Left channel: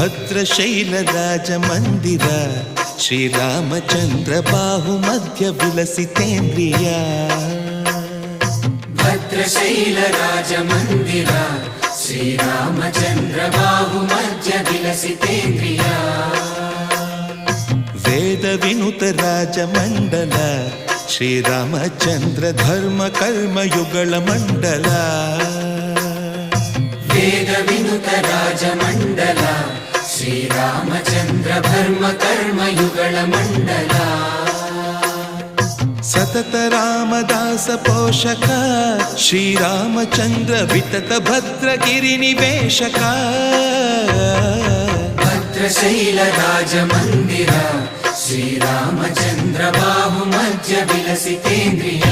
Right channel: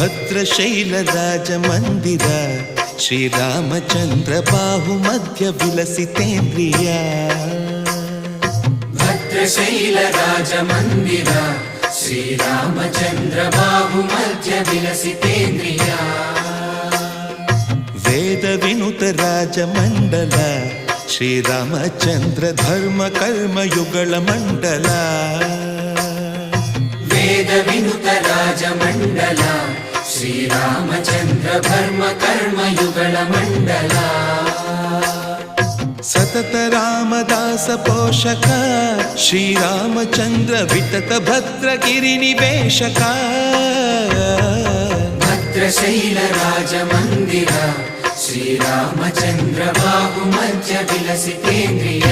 ಭದ್ರಶೈಲ ರಾಜ ಮಂದಿರ ಶ್ರೀರಾಮಚಂದ್ರ ಬಾಹು ಮಧ್ಯ ವಿಲಸಿತೇಂದ್ರಿಯ ಭದ್ರಶೈಲ ರಾಜ ಮಂದಿರ ಶ್ರೀರಾಮಚಂದ್ರ ಬಾಹು ಮಧ್ಯ ವಿಲಸಿತೇಂದ್ರಿಯ ವೇದ ವಿನುತ ರಾಜ ಮಂಡಲ ಶ್ರೀರಾಮಚಂದ್ರ ಧರ್ಮ ಕರ್ಮಯುಗಳ ಮಂಡಲ ವೇದ ವಿನುತ ರಾಜ ಮಂಡಲ ಶ್ರೀರಾಮಚಂದ್ರ ಧರ್ಮ ಕರ್ಮಯುಗಳ ಮಂಡಲ ಸತತ ರಾಮದಾಸ ಪೋಷಕ ಶ್ರೀರಾಮಚಂದ್ರ ವಿತತ ಭದ್ರಗಿರಿ ನಿವೇಶಕ ಭದ್ರಶೈಲ ರಾಜ ಮಂದಿರ ಶ್ರೀರಾಮಚಂದ್ರ ಬಾಹು ಮಧ್ಯ ವಿಲಸಿತೇಂದ್ರಿಯ